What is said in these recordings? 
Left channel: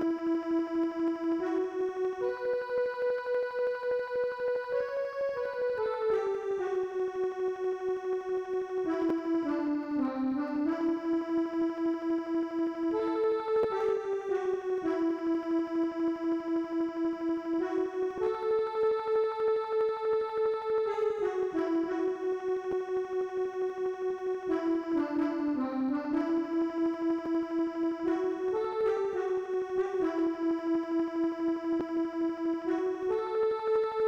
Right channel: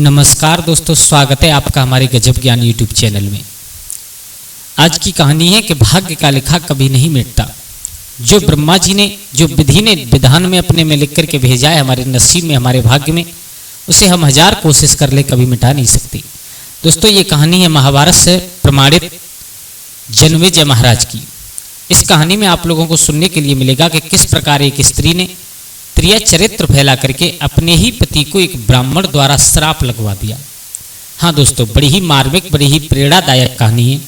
नमस्कार दोस्तों, स्वागत है आपका हमारे गजब ज्ञान यूट्यूब चैनल में। आज की कहानी है कि भाग्य का लिखा कभी नहीं मिटता। जो ब्रह्मा जी ने, जो विधि ने विधान में अपने में लिख करके भेजा है हमारे नसीब में, हमारे भाग्य में, उसे हम 1000 कोशिश कर ले कभी मिटा नहीं सकते। दोस्तों, ये कहानी है महाभारत से प्रमाणित जन्मेजय महाराज की। इस कहानी में आप लोगों को सुनने के लिए मिलेगा कि किस प्रकार एक स्त्री ने त्रिया चरित्र फैला करके अपने ही पति को एक ब्राह्मण द्वारा श्राप लगवा दिया। हाँ दोस्तों, बड़ी ही मार्मिक, बड़ी ही प्रेरणादायक कहानी है।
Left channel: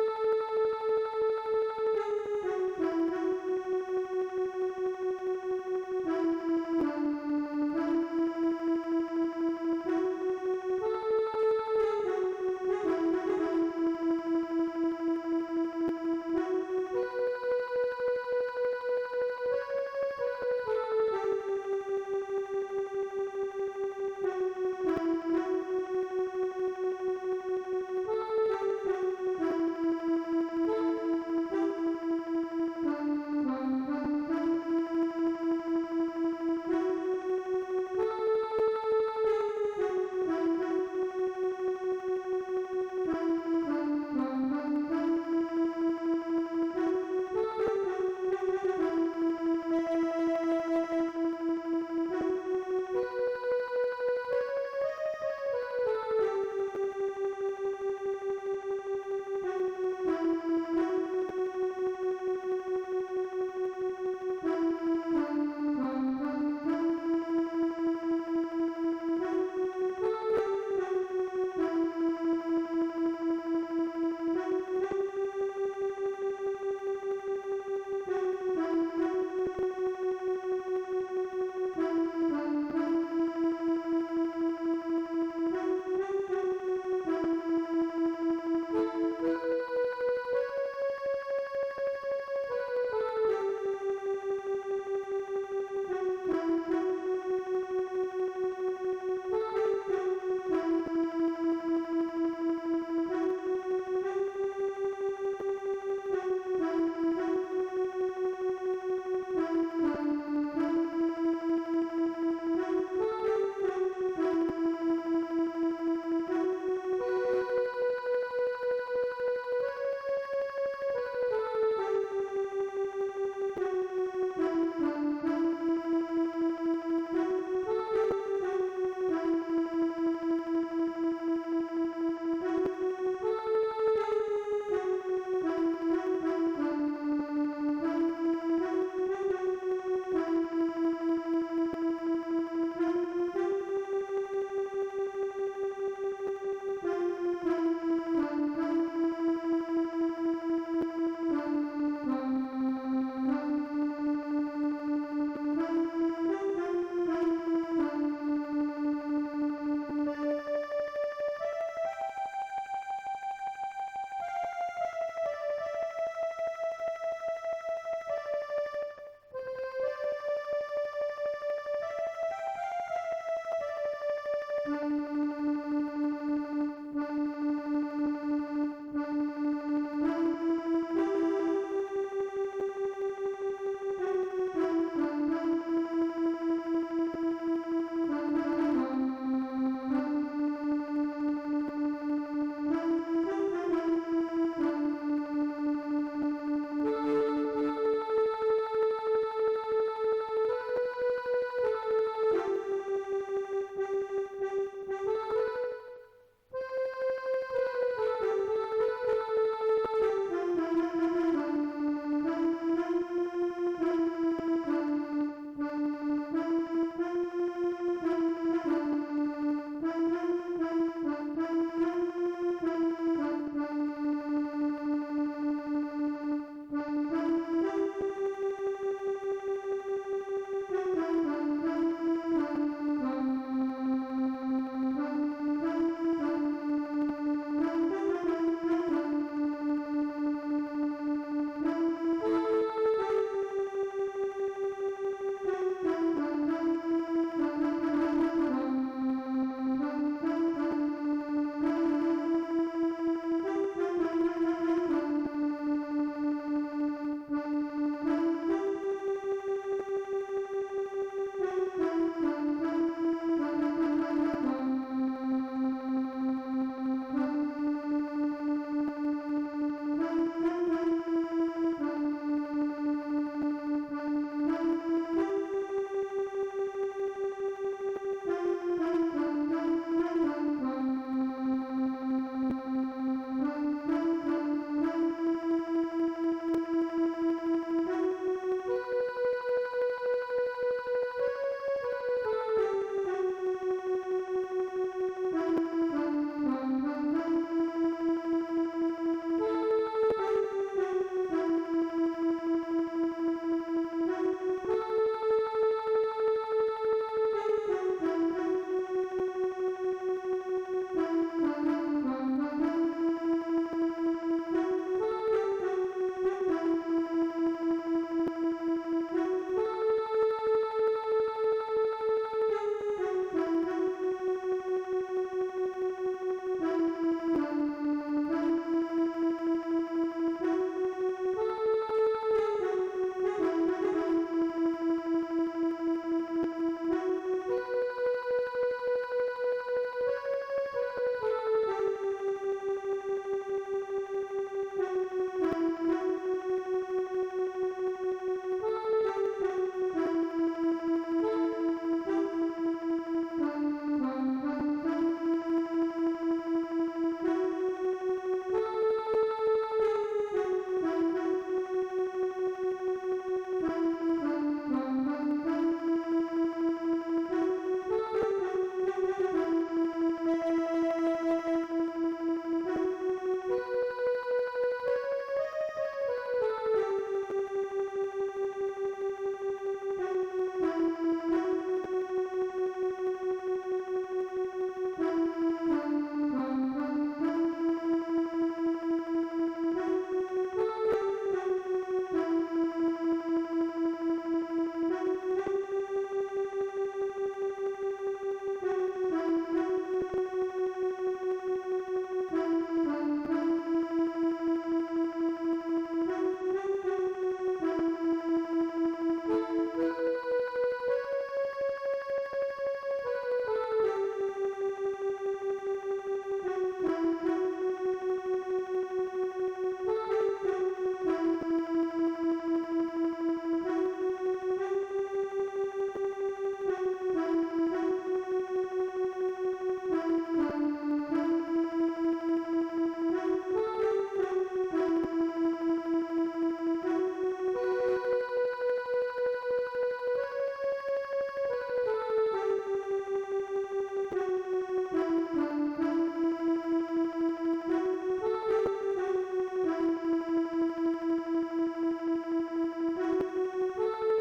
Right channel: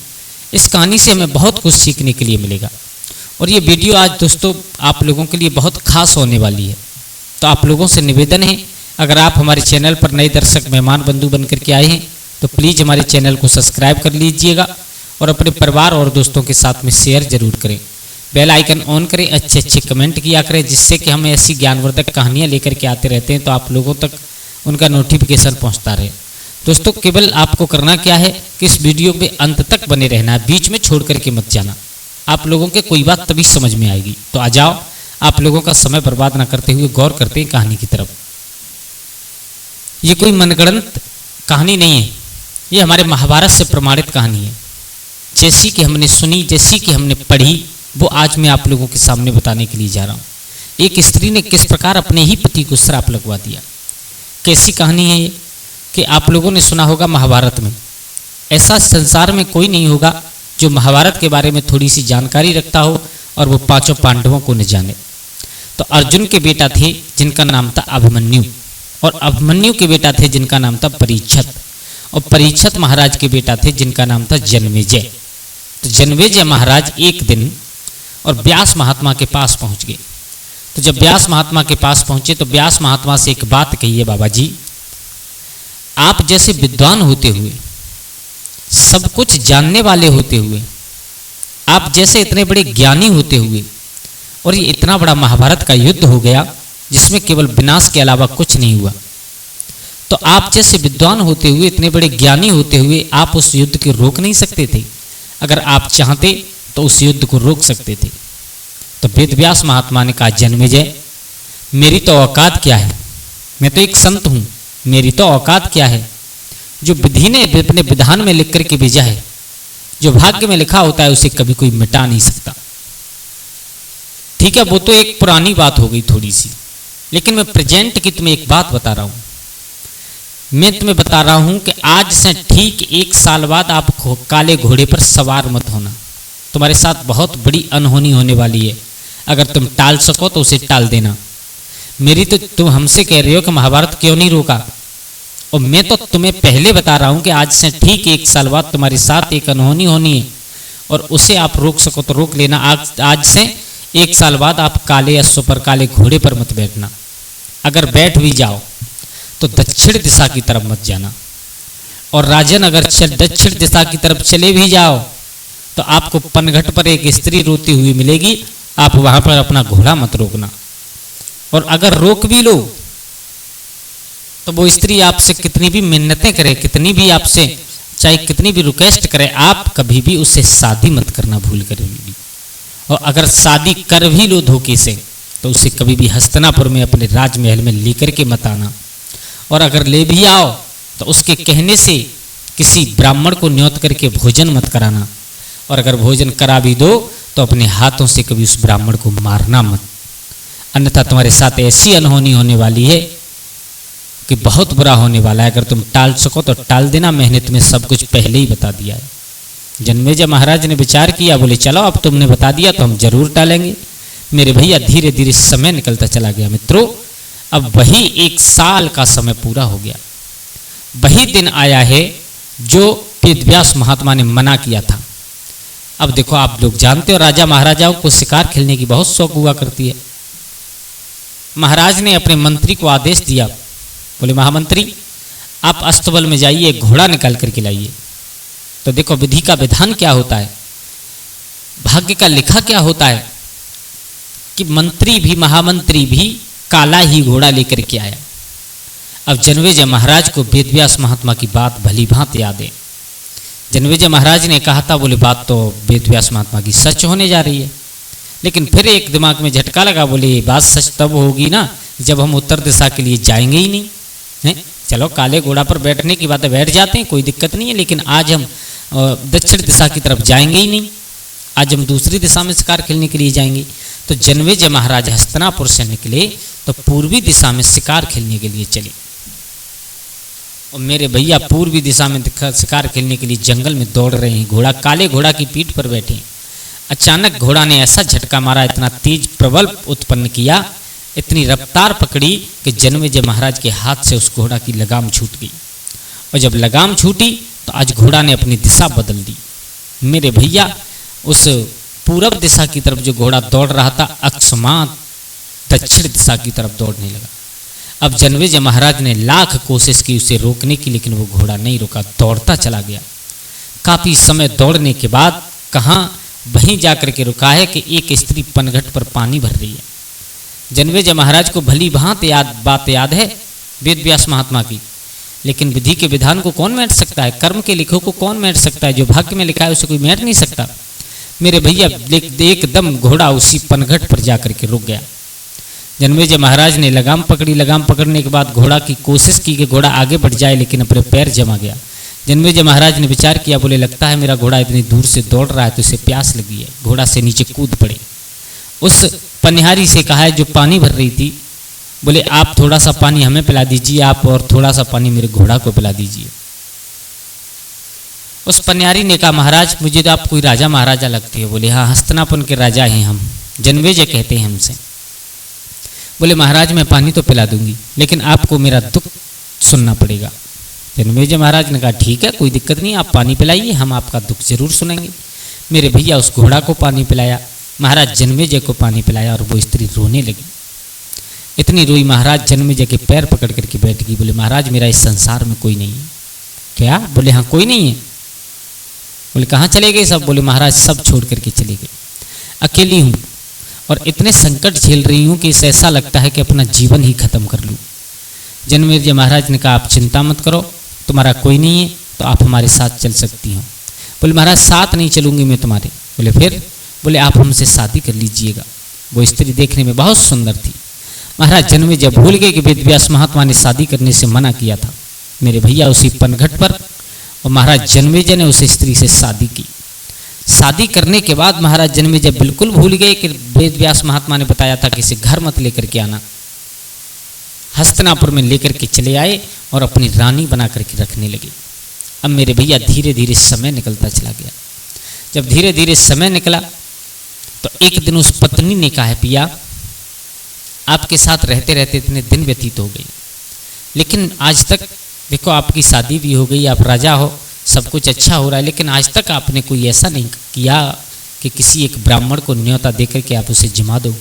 इस कहानी से हमें बहुत कुछ सीखने के लिए मिलेगा और ये वीडियो आज दोस्तों आप लोगों के लिए बहुत खास होने वाली है। तो आप लोगों से निवेदन है, अगर आप हमारे चैनल पर नए दर्शक मेहमान बंधु बन करके आए हैं तो प्लीज़ हमारे चैनल को सब्सक्राइब कर लीजिएगा और अपने परिवार और दोस्तों के साथ में शेयर जरूर करें। बेल आइकन ऑन करें, अच्छे अच्छे कमेंट किया करें, जिससे कि हम ऐसी ज्ञानवर्धक कहानियाँ लेकर के आते रहते हैं तो आप लोगों तक उनका नोटिफिकेशन पहुंचता रहे। दोस्तों, केवल आपको करना क्या है कि इस वीडियो में अंत तक बने रहना है, बीच में छोड़ करके मत जाना। आप लोगों के कोई बात तभी समझ में आएगी। तो आ जाओ, आप लोगों का समय बर्बाद ना करते हुए गौर करते हैं कहानी की तरफ। ये कोई मनगढ़ंत कहानी नहीं है, ये हमारे महाभारत से प्रमाणित कहानी है। जैसी कि हमने सुनी, जैसी कि हमने पढ़ी, वो आज मैं आप लोगों के सामने बताने के लिए जा रहा हूँ। एक स्त्री ने किस प्रकार अपने ही पति को श्राप लगवा दिया। कैसी कहानी है ये कि आप लोगों ने सुना होगा महाभारत में। ऐसा संसार में कोई नहीं होगा जो महाभारत के बारे में थोड़ी सी जानकारी रखता हो और वो पांचों पांडवों को न जाने। तो अर्जुन के बेटा थे जिनका नाम था अभिमन्यु, और अभिमन्यु के बेटा थे जिनका नाम था परीक्षत, और परीक्षत महाराज के बेटा थे जिनका नाम था जन्मेजय। तो जन्मेजय महाराज एक दिन और व्यास महात्मा के पास पहुंच गए। तो जब व्यास महात्मा के पास पहुंचे तो व्यास महात्मा से एक बात कही है, बाबा जी, आप जैसे विद्वान होते हुए, सब कुछ जानने वाले होते हुए, आप जैसे इतने बड़े ज्ञानी होते हुए, और ये इतना बड़ा महाभारत का युद्ध हो गया जिसमें केवल विनाश के अलावा कुछ नहीं हुआ, तो आप जैसे विद्वान होते हुए, इतने बड़े ज्ञानी होते हुए, आप उस युद्ध को रोक नहीं सकते थे? अगर आप चाहते तो उस युद्ध को रोक सकते थे। तो वेदव्यास महात्मा ने कहा, जन्मेजय, मेरी तो औकात क्या है, मैं तो एक संत हूं, मेरी तो औकात क्या है। जो विधि ने अपने विधान में लिख करके भेजा है, जो भाग्य में लिखा होता है, उसे कभी कोई मिटा नहीं सकता। ठीक है, वो तो एक पुरानी बात हो गई थोड़ी सी, लेकिन मैं प्रेजेंट की तुम्हें एक बात बता रहा हूं। मैं तुम्हें बता रहा हूं कि आज से ठीक 1 साल बाद आप काले घोड़े पर सवार मत होना। तुम्हारे साथ बहुत बड़ी अनहोनी होने वाली है। अगर तुम टाल सको तो उसे टाल देना। मेरी तो तुम हमसे कह रहे हो कि महाभारत क्यों नहीं रोका, और मैं तो तुम्हें पहले बता रहा हूं कि आज से ठीक 1 साल बाद तुम्हारे साथ एक अनहोनी होनी है, और उसे आप रोक सको तो रोक लेना। आज से 1 साल बाद आप काले अश्व पर, काले घोड़े पर मत बैठना। अगर बैठ भी जाओ तो दक्षिण दिशा की तरफ मत जाना, और राजन अगर दक्षिण दिशा की तरफ चले भी जाओ तो आपको पनघट पर एक स्त्री रोती हुई मिलेगी, आप वहां पर अपना घोड़ा मत रोकना। और अगर रोक भी लो तो वो स्त्री आपसे कितनी भी मिन्नतें करे, कितनी भी आपसे चाहे कितनी भी रिक्वेस्ट करे, आप कभी भी उससे शादी मत करना भूल कर भी। और अगर शादी कर भी लो धोखे से तो उसे कभी भी हस्तिनापुर में अपने राजमहल में लेकर के मत आना। और अगर ले भी आओ तो उसके कहने से किसी ब्राह्मण को न्योत करके भोजन मत कराना, और अगर भोजन करा भी दो तो अपने हाथों से कभी उस ब्राह्मण को मारना मत, अन्यथा तुम्हारे साथ ऐसी अनहोनी होने वाली है कि बहुत बुरा होने वाला है। अगर तुम टाल सको तो टाल देना, मैंने तुम्हें सब कुछ पहले ही बता दिया है। जन्मेजय महाराज ने विचार किया, बोले चलो अब तुमने बता दिया तो हम जरूर टालेंगे। मेरे भैया धीरे धीरे समय निकलता चला गया। मित्रों, अब वही 1 साल का समय पूरा हो गया। वही दिन आया है जो वेदव्यास महात्मा ने मना किया था। अब देखो, आप लोग जानते हो राजा महाराजाओं को शिकार खेलने की बहुत शौक हुआ करती है। महाराज ने अपने मंत्री को आदेश दिया, बोले महामंत्री, आप अस्तबल में जाइए, घोड़ा निकाल करके लाइए। तो देखो विधि का विधान क्या होता है, भाग्य का लिखा क्या होता है कि मंत्री भी, महामंत्री भी काला ही घोड़ा लेकर के आया। अब जन्मेजय महाराज को वेदव्यास महात्मा की बात भली भांति याद है। जन्मेजय महाराज ने कहा था, बोले बात तो वेदव्यास महात्मा की सच होने जा रही है, लेकिन फिर एक दिमाग में झटका लगा, बोले बात सच तब होगी ना जब हम उत्तर दिशा के लिए जाएंगे ही नहीं, है चलो काले घोड़ा पर बैठने की बात है, बैठ जाते हैं, कोई दिक्कत नहीं है, लेकिन आज हम दक्षिण दिशा की तरफ जाएंगे ही नहीं, आज हम दूसरी दिशा में शिकार खेलने के लिए जाएंगे। तो जनमेजय महाराज हस्तिनापुर से निकले तो पूर्वी दिशा में शिकार खेलने के लिए चले। और मेरे भैया पूर्वी दिशा में शिकार खेलने के लिए जंगल में दौड़ रहे हैं, घोड़ा काले घोड़ा की पीठ पर बैठे। अचानक घोड़ा ने ऐसा झटका मारा, इतना तेज प्रबल उत्पन्न किया, इतनी रफ्तार पकड़ी कि जनमेजय महाराज के हाथ से उस घोड़ा की लगाम छूट गई। और जब लगाम छूटी तो आज घोड़ा ने अपनी दिशा बदल दी। मेरे भैया उस पूरब दिशा की तरफ जो घोड़ा दौड़ रहा था, अकस्मात दक्षिण दिशा की तरफ दौड़ने लगा। अब जनमेजय महाराज ने लाख कोशिश की उसे रोकने की, लेकिन वो घोड़ा नहीं रुका, दौड़ता चला गया। काफी समय दौड़ने के बाद कहाँ वहीं जाकर के रुका है कि एक स्त्री पनघट पर पानी भर रही है। जनमेजय महाराज को भली भांति बात याद है वेद व्यास महात्मा की, लेकिन विधि के विधान को कौन मेट सकता है, कर्म के लिखो को कौन मेट सकता है, जो भाग्य में लिखा है उसे कोई मेट नहीं सकता। मेरे भैया एकदम घोड़ा उसी पनघट पर जाकर के रुक गया। जनमेजय महाराज ने लगाम पकड़ी, लगाम पकड़ने के बाद घोड़ा की कोशिश की कि घोड़ा आगे बढ़ जाए, लेकिन अपने पैर जमा गया। जनमेजय महाराज ने विचार किया, बोले लगता है मेरा घोड़ा इतनी दूर से दौड़ रहा है तो इसे प्यास लगी है, घोड़ा से नीचे कूद पड़े। उस पनिहारी से कहा है जो पानी भर रही थी, बोले आप थोड़ा सा पानी हमें पिला दीजिए, आप और थोड़ा सा पानी मेरे घोड़ा को पिला दीजिए। उस पनिहारी ने कहा महाराज मुझे तो आप कोई राजा महाराजा लगते हो। बोले हाँ हस्तिनापुर के राजा हैं हम, जनमेजय कहते हैं हमसे। बोले महाराज मैं पानी तो पिला दूंगी, लेकिन आपको मेरा दुख सुनना पड़ेगा। जनमेजय महाराज ने कहा ठीक है कोई दिक्कत नहीं, आप पानी पिलाइए, हम आपका दुख जरूर सुनेंगे। मेरे भैया उस घोड़ा को पानी पिलाया, महाराज जनमेजय को पानी पिलाया, और वो स्त्री रोने लगी। इतनी रोई महाराज जनमेजय के पैर पकड़ करके बैठ गई। बोले महाराज मेरा इस संसार में कोई नहीं है। क्या? बोले हाँ कोई नहीं है। बोले कहाँ चले गए सब? बोले महाराज सब छोड़ करके चले गए, अकेली हूँ और इतने संकट झेल रही हूँ कि इसे ऐसा लगता है कि अपना जीवन ही खत्म कर लूँ। जनमेजय महाराज ने कहा आप चिंता मत करो, तुम्हारा कोई नहीं है तो आप हमारे साथ चल सकती हो। बोले महाराज साथ नहीं चलूंगी मैं तुम्हारे। बोले फिर? बोले आप हमसे शादी कर लीजिएगा। वो स्त्री देखने में बहुत सुंदर थी। महाराज जनमेजय भूल गए कि वेद व्यास महात्मा ने शादी करने से मना किया था। मेरे भैया उसी पनघट पर और महाराज जनमेजय ने उस स्त्री से शादी की। शादी करने के बाद महाराज जनमेजय बिल्कुल भूल गए कि वेद व्यास महात्मा ने बताया था कि इसे घर मत लेकर के आना। हस्तिनापुर में लेकर के चले आए और अपनी रानी बना करके रखने लगे। अब मेरे भैया धीरे धीरे समय निकलता चला गया। जब धीरे धीरे समय निकला तो एक दिन उस पत्नी ने कहा है पिया आपके साथ रहते रहते इतने दिन व्यतीत हो गए, लेकिन आज तक देखो आपकी शादी भी हो गई, आप राजा हो, सब कुछ अच्छा हो रहा है, लेकिन आज तक आपने कोई ऐसा नहीं किया कि किसी एक ब्राह्मण को न्योता देकर के आप उसे जिमा दो।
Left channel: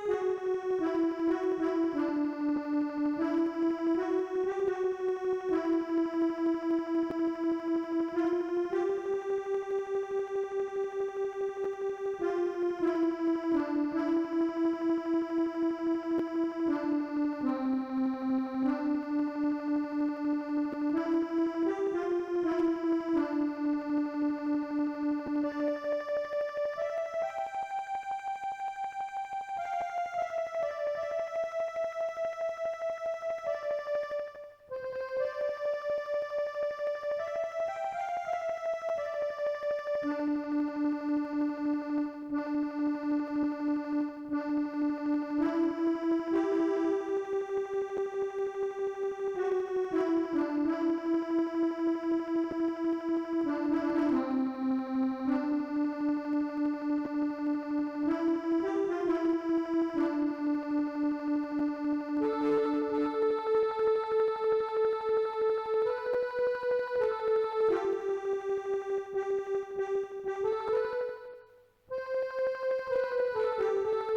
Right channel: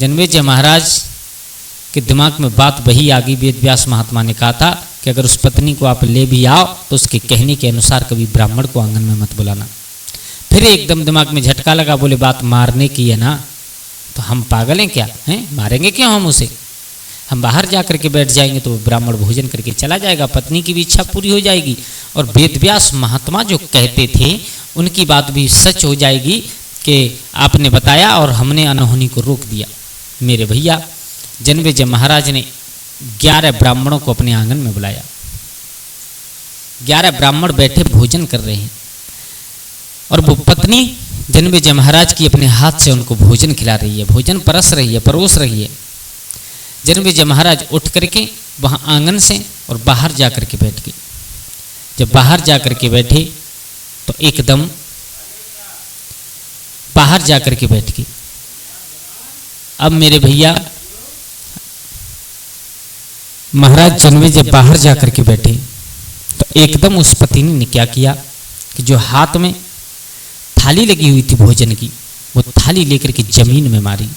जनमेजय महाराज के दिमाग में बात वही आ गई, वेद व्यास महात्मा ने कहा था कि अगर उस पत्नी को आप ले भी आओ तो उसके कहने के अनुसार कभी ब्राह्मण को आंगन में मत बुलाना। फिर एकदम दिमाग में झटका लगा, बोले बात मारने की है ना, तो हम पागल हैं क्या, हैं मारेंगे क्यों हम उसे? हम बाहर जा करके बैठ जाएंगे तो ब्राह्मण भोजन करके चला जाएगा, पत्नी की भी इच्छा पूरी हो जाएगी और वेद व्यास महात्मा जो कहते थे उनकी बात भी सच हो जाएगी कि आपने बताया और हमने अनहोनी को रोक दिया। मेरे भैया जनमेजय महाराज ने 11 ब्राह्मणों को अपने आंगन में बुलाया। 11 ब्राह्मण बैठे भोजन कर रहे हैं और वो पत्नी जनमेजय महाराज की अपने हाथ से उनको भोजन खिला रही है, भोजन परोस रही है। जनमेजय महाराज उठ करके वहाँ आंगन से और बाहर जा करके बैठ गए। जब बाहर जा करके बैठे तो एकदम बाहर जा करके बैठ गए। अब मेरे भैया महाराज जनमेजय बाहर जा करके बैठे तो एकदम उस पत्नी ने क्या किया कि जो हाथ में थाली लगी हुई थी भोजन की, वो थाली लेकर के जमीन में मारी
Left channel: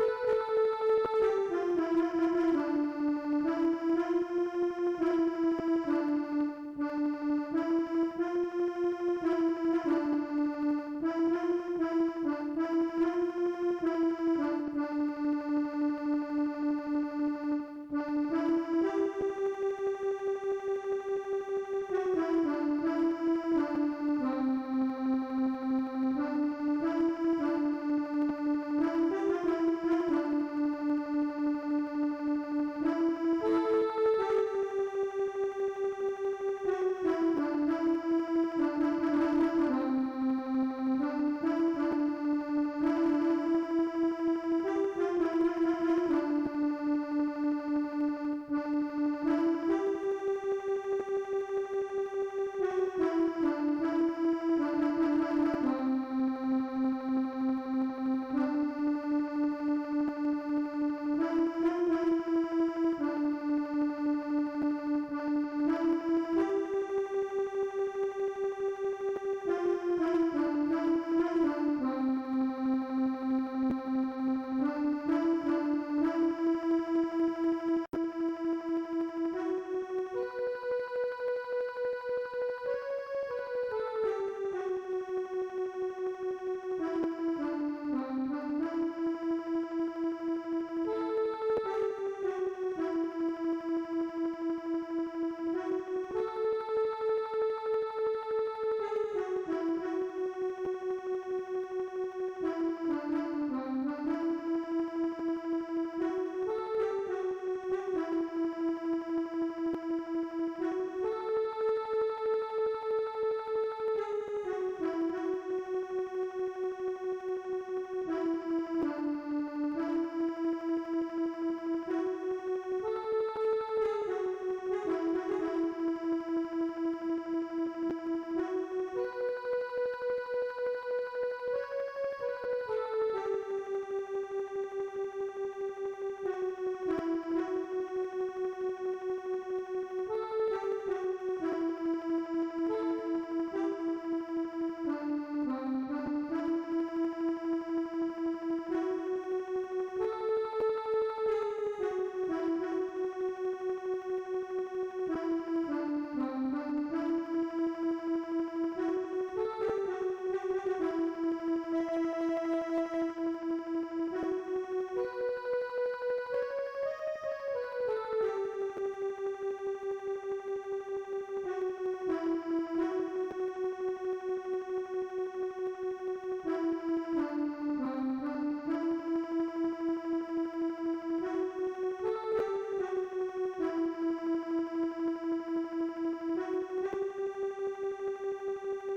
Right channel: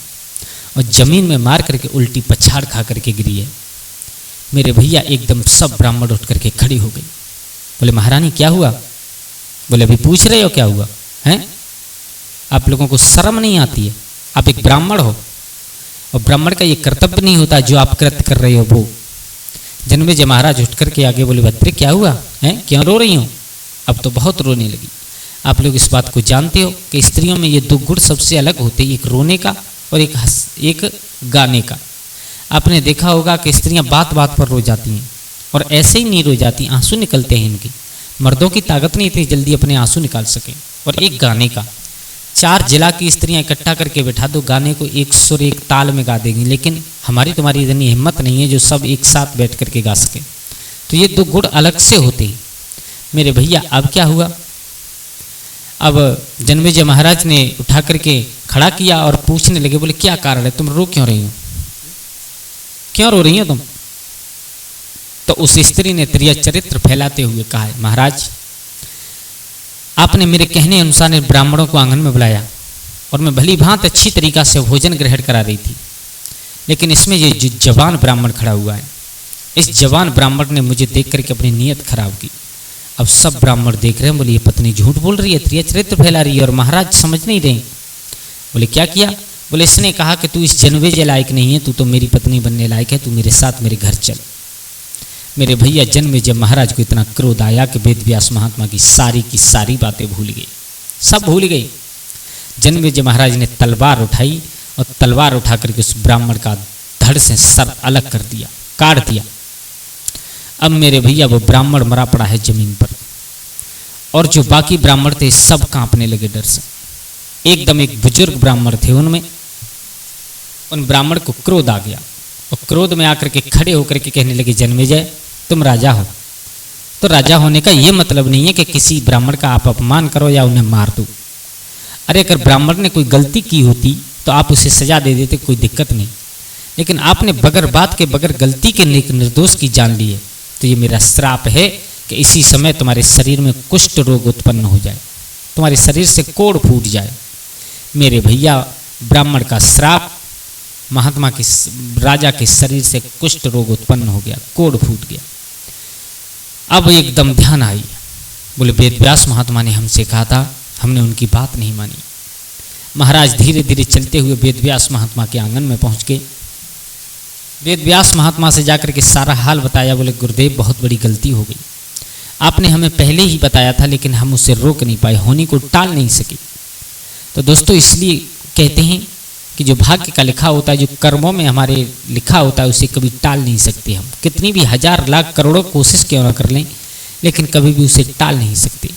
और जमीन में मार करके उल्टी पछाड़ खा करके गिरी है। मेरे भैया एकदम सब ब्राह्मण उठ करके खड़ी हो गई। बोले महारानी क्या हुआ? बोले अभी पूछ रहे हो क्या हुआ हैं? आप लोगों को शर्म नहीं आती है? आप एक ब्राह्मण हो और ब्राह्मण का ये कर्तव्य नहीं होता जो आप कृत्य कर रहे हो वो। जनमेजय महाराज उठ करके आगे बोले भद्रे क्या हुआ है, क्यों रो रही हो? अब तो बहुत रोने लगी। आप लोग इस बात को जानते हो कि स्त्रियों में ये 2 गुण सबसे अलग होते हैं, एक रोने का और एक गाने का। आपने देखा होगा कि स्त्रियां बात बात पर रो जाती हैं, और ऐसे ही नीर हो जाती, आंसू निकलते हैं इनके। मर्दों की ताकत नहीं इतनी जल्दी अपने आंसू निकाल सके। और एक गाने का 4 जिला की स्त्रियां इकट्ठा करके बैठा दो, गाने को एक सुर एक ताल में गा देंगी, लेकिन हमारी तुम्हारी इतनी हिम्मत नहीं है जो सब एक साथ बैठ करके गा सके। तो ये 2 गुण अलग से होते हैं मेरे भैया। अब क्या हुआ, अब जन्मेजय महाराज ने उठा करके खड़ा किया और पूछने लगे, बोले क्या कारण है, तुम रो क्यों रही हो, क्यों रो रही हो तुम? तो उस स्त्री ने त्रिया चरित्र फैलाते हुए कहा है, महाराज आपने मेरे कहने अनुसार ब्राह्मणों को आंगन में बुलाया और मैं भली भांत अच्छी तरीका से भोजन ग्रहण करा रही थी, लेकिन इसमें ये जो जवान ब्राह्मण खड़ा हुआ है, इस जवान ब्राह्मण ने मुझे देख करके अपनी नीयत खराब की। अब सब ब्राह्मण देख रहे हैं, बोले ये पत्नी झूठ बोल रही है, त्रिया चरित्र फैला रही है, और महाराज समझ नहीं रहे। बोले क्या किया? बोले इसने कहा कि तू इस जन्मेजय लायक नहीं है, तू तो मेरी पत्नी बनने लायक है, तू मेरे साथ मेरे घर चल। मेरे भैया जन्मेजय महाराज को इतना क्रोध आया कि वेद व्यास महात्मा की सारी बातें भूल गई, सब भूल गई। जन्मेजय महाराज ने तलवार उठाई और तलवार उठा करके उस ब्राह्मण का धड़ से सर अलग कर दिया, काट दिया। अब मेरे भैया वो ब्राह्मण मरा पड़ा है जमीन पर, और जो बाकी ब्राह्मण थे सब कांपने लगे डर से। एकदम एक बुजुर्ग ब्राह्मण थे, उनमें उन ब्राह्मण को क्रोध आ गया, और क्रोध में आकर के खड़े होकर के कहने लगे, जन्मेजय तुम राजा हो, तो राजा होने का ये मतलब नहीं है कि किसी ब्राह्मण का आप अपमान करो या उन्हें मार दो। अरे अगर ब्राह्मण ने कोई गलती की होती तो आप उसे सजा दे देते, कोई दिक्कत नहीं, लेकिन आपने बगैर बात के बगैर गलती के निर्दोष की जान ली है, तो ये मेरा श्राप है कि इसी समय तुम्हारे शरीर में कुष्ठ रोग उत्पन्न हो जाए, तुम्हारे शरीर से कोढ़ फूट जाए। मेरे भैया ब्राह्मण का श्राप, महात्मा के राजा के शरीर से कुष्ठ रोग उत्पन्न हो गया, कोढ़ फूट गया। अब एकदम ध्यान आई, बोले वेद व्यास महात्मा ने हमसे कहा था, हमने उनकी बात नहीं मानी। महाराज धीरे धीरे चलते हुए वेद व्यास महात्मा के आंगन में पहुंच गए। वेद व्यास महात्मा से जाकर के सारा हाल बताया। बोले गुरुदेव बहुत बड़ी गलती हो गई, आपने हमें पहले ही बताया था, लेकिन हम उसे रोक नहीं पाए, होनी को टाल नहीं सके। तो दोस्तों इसलिए कहते हैं कि जो भाग्य का लिखा होता है, जो कर्मों में हमारे लिखा होता है, उसे कभी टाल नहीं सकते हम, कितनी भी 1000 लाख करोड़ों कोशिश क्यों ना कर लें, लेकिन कभी भी उसे टाल नहीं सकते।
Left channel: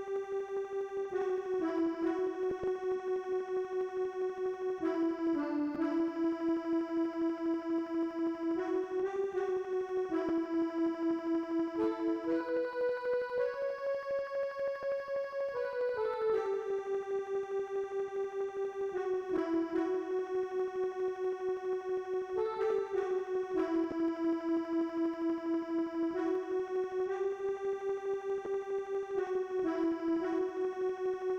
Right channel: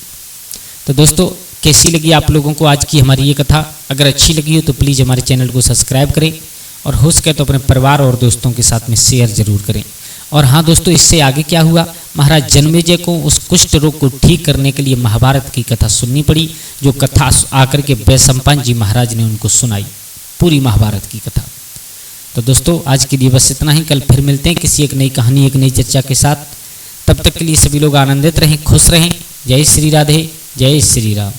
तो दोस्तों कैसी लगी आप लोगों को आज की हमारी ये कथा? अगर अच्छी लगी हो तो प्लीज़ हमारे चैनल को सब्सक्राइब करें, और हो सके तो अपने परिवार और दोस्तों के साथ में शेयर जरूर करें। और हाँ दोस्तों, इससे आगे क्या हुआ, महाराज जन्मेजय को उस कुष्ठ रोग को ठीक करने के लिए महाभारत की कथा सुननी पड़ी, जो कथा आकर के वैशंपायन जी महाराज ने उनको सुनाई, पूरी महाभारत की कथा। तो दोस्तों आज के लिए बस इतना ही, कल फिर मिलते हैं किसी एक नई कहानी, एक नई चर्चा के साथ। तब तक के लिए सभी लोग आनंदित रहें, खुश रहें। जय श्री राधे, जय श्री राम।